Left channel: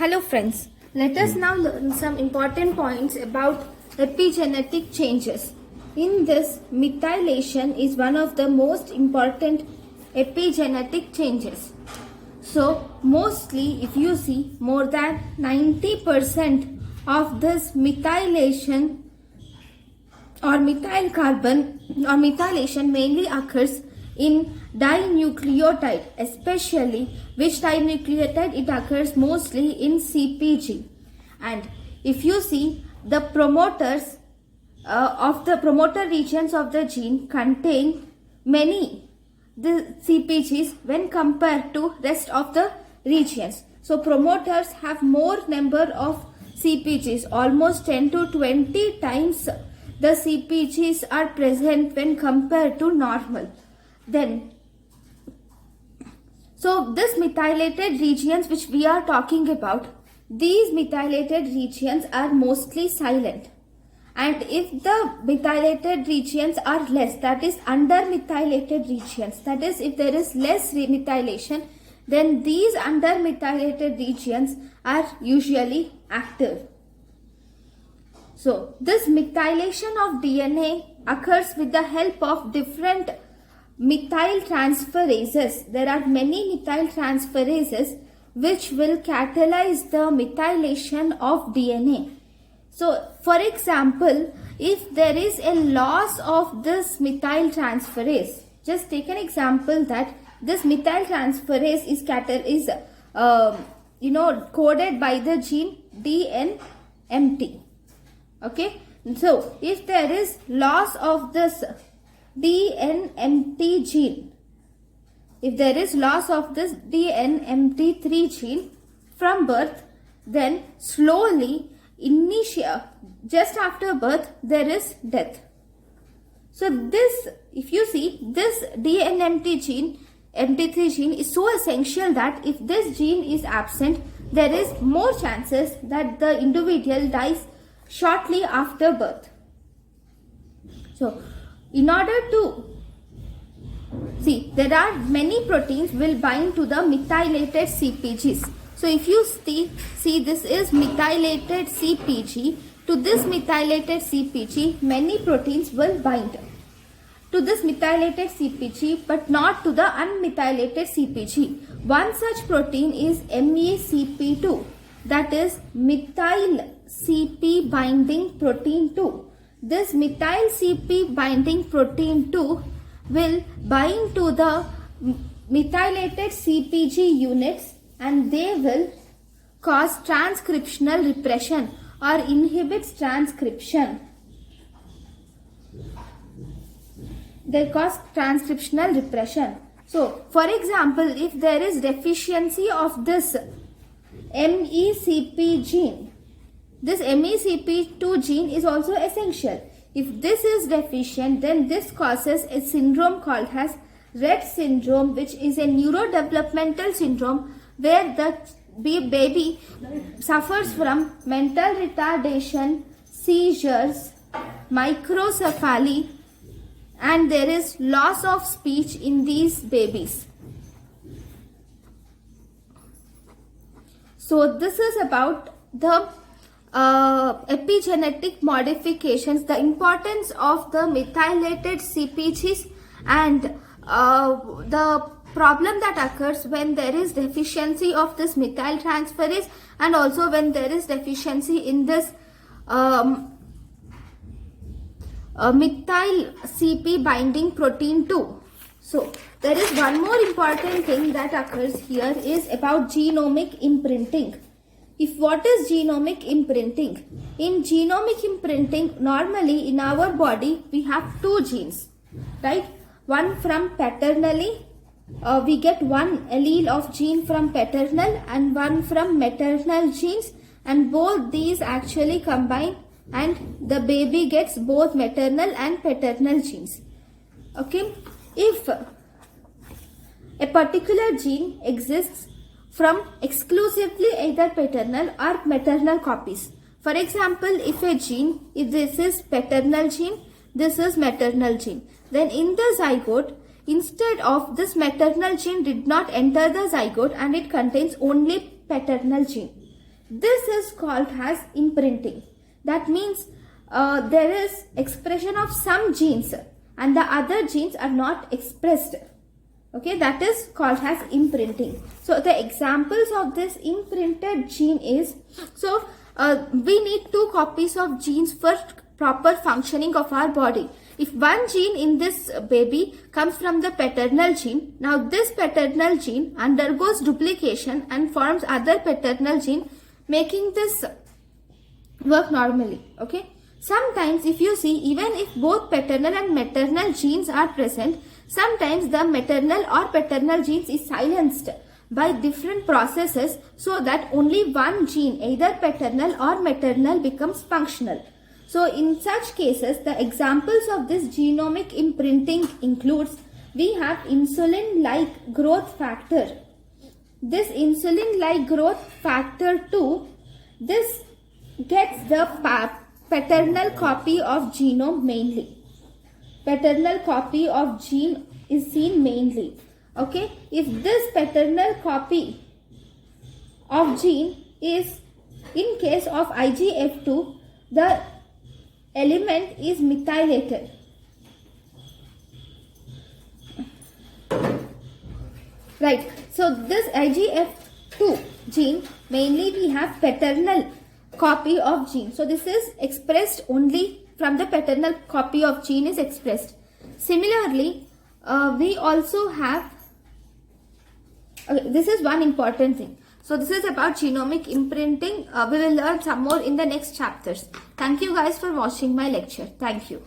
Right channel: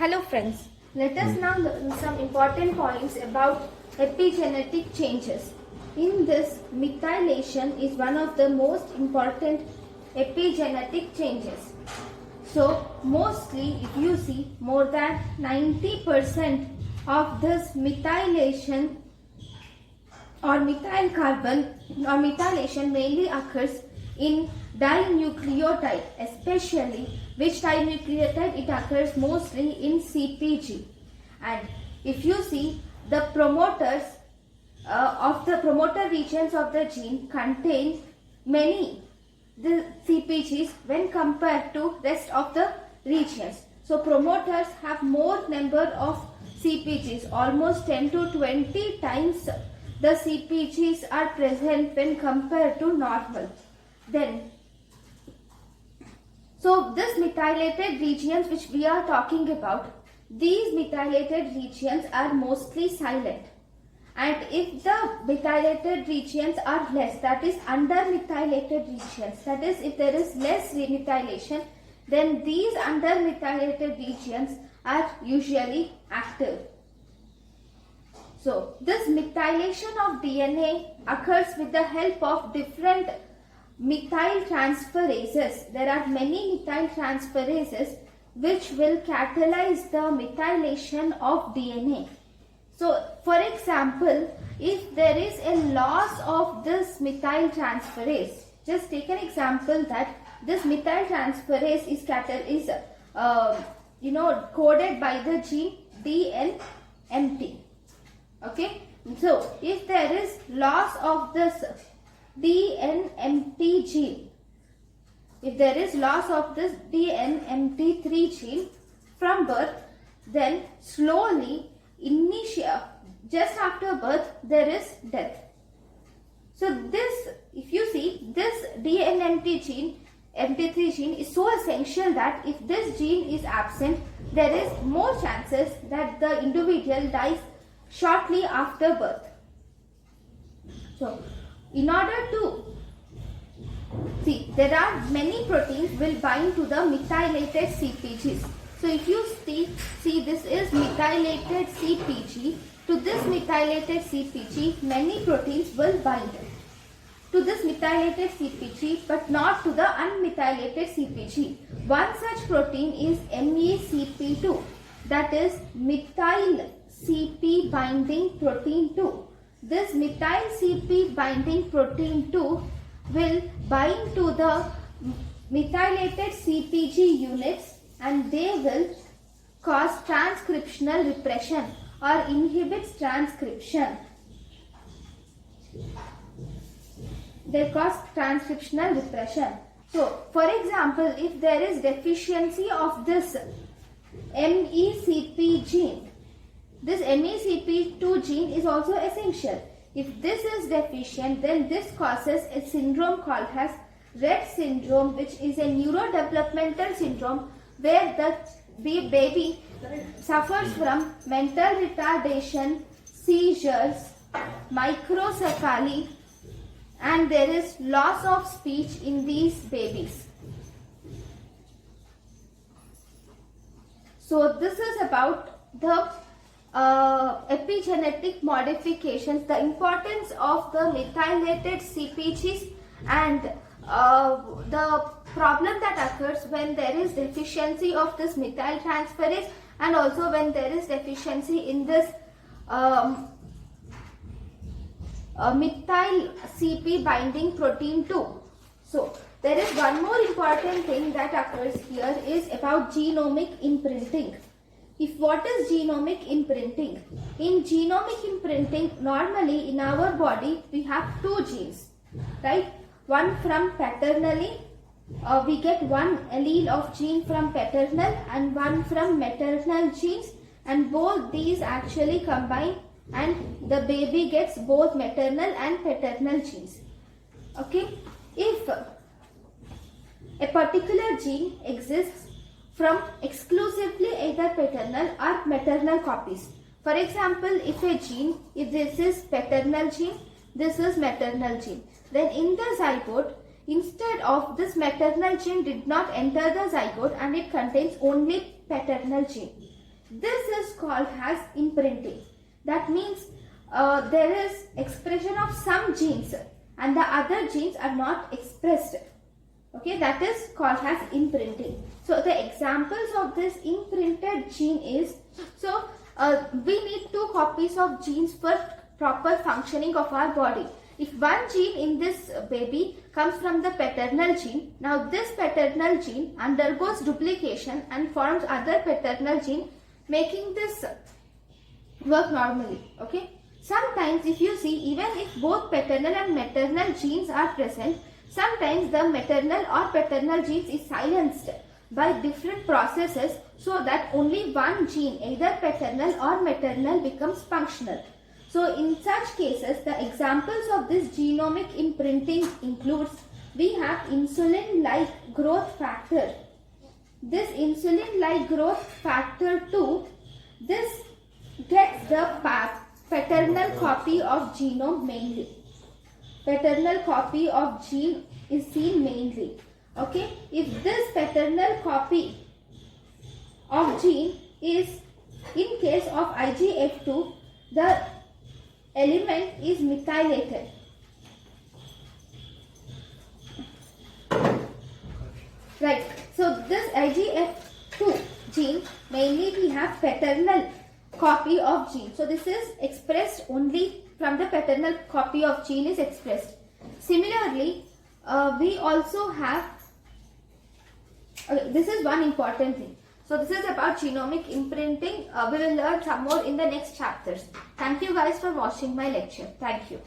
Hello friends, let us now learn some important points about epigenetic changes. In this, methylation is one of the most important epigenetic changes. So, mostly if you see, more than 90% of this methylation or methyl carbon or methylation mainly occurs in dinucleotide, especially which dinucleotide it occurs mostly in CpG. And if you see, the promoters of the promoter regions of the gene contain many the CpGs when compared to rest of the regions. So promoters have more number of CpGs, almost 10 to 20 times the CpGs are present when compared to normal. Then, so this methylated regions which we are talking about, these methylated regions are mostly silent. And if the methylated regions are less, that is under methylated regions, that is if there is less methylation, then these under methylated regions are usually active. So this methylation of DNA occurs with the help of different methyl transferases. There are many methyl transferases which will catalyze the methylation of DNA. So, for example, if there is a loss of this methyl transferase, just take an example that this methyl transferase is coded by the gene DNMT. Okay, so if there is loss of this DNMT gene, if there is loss of this DNMT3 gene from birth, then slowly just after birth there is death. So this, if you see, this DNMT gene, MT3 gene is so essential that if this gene is absent, there is more chances that the individual dies shortly after birth. So in order to see, there are many proteins will bind to the methylated CpGs. So if you see this is methylated CpG. To this methylated CpG, many proteins will bind to this methylated CpG, but not to the unmethylated CpG. One such protein is MECP2, that is methyl CP binding protein 2. This methyl CP binding protein 2 will bind to the methylated CpG units, and they will cause transcriptional repression or inhibits transcription. They cause transcriptional repression. So, for example, if there is deficiency of this MECP gene, this MECP2 gene is also essential. If this is deficient, then this causes a syndrome called as Rett syndrome, which is a neurodevelopmental syndrome where the baby suffers from mental retardation, seizures, microcephaly, and there is loss of speech in these babies. So this is about the epigenetic modifications, the importance of the methylated CpGs, and the problem that occurs when there is deficiency of this methyl transferase, and also when there is deficiency in this methyl CP binding protein 2. So there is one more important thing that occurs here is about genomic imprinting. If what is genomic imprinting? In genomic imprinting, normally in our body we have two genes, right? One from paternally, we get one allele of gene from paternal and one from maternal genes, and both these actually combine and the baby gets both maternal and paternal genes. Okay, if a particular gene exists from exclusively either paternal or maternal copies. For example, if this is paternal gene, this is maternal gene, then in the zygote, instead of this maternal gene did not enter the zygote and it contains only paternal gene. This is called as imprinting. That means there is expression of some genes and the other genes are not expressed. Okay, that is called as imprinting. So the examples of this imprinted gene is, so we need 2 copies of genes for proper functioning of our body. If one gene in this baby comes from the paternal gene, now this paternal gene undergoes duplication and forms other paternal gene, making this work normally. Okay. Sometimes if you see, even if both paternal and maternal genes are present, sometimes the maternal or paternal genes is silenced by different processes so that only one gene, either paternal or maternal, becomes functional. So in such cases, the examples of this genomic imprinting includes, we have insulin-like growth factor. This insulin-like growth factor 2, this gets the paternal copy of genome mainly. Paternal copy of gene is seen mainly. Okay, if this paternal copy of gene is in case of IGF2, the element is methylated. Right, so this IGF2 gene, mainly we have paternal copy of gene. So this is expressed only from the paternal copy of gene is expressed. Similarly, we also have, this is one important thing. So this is about genomic imprinting. We will learn some more in the next chapters. Thank you guys for watching my lecture. Thank you.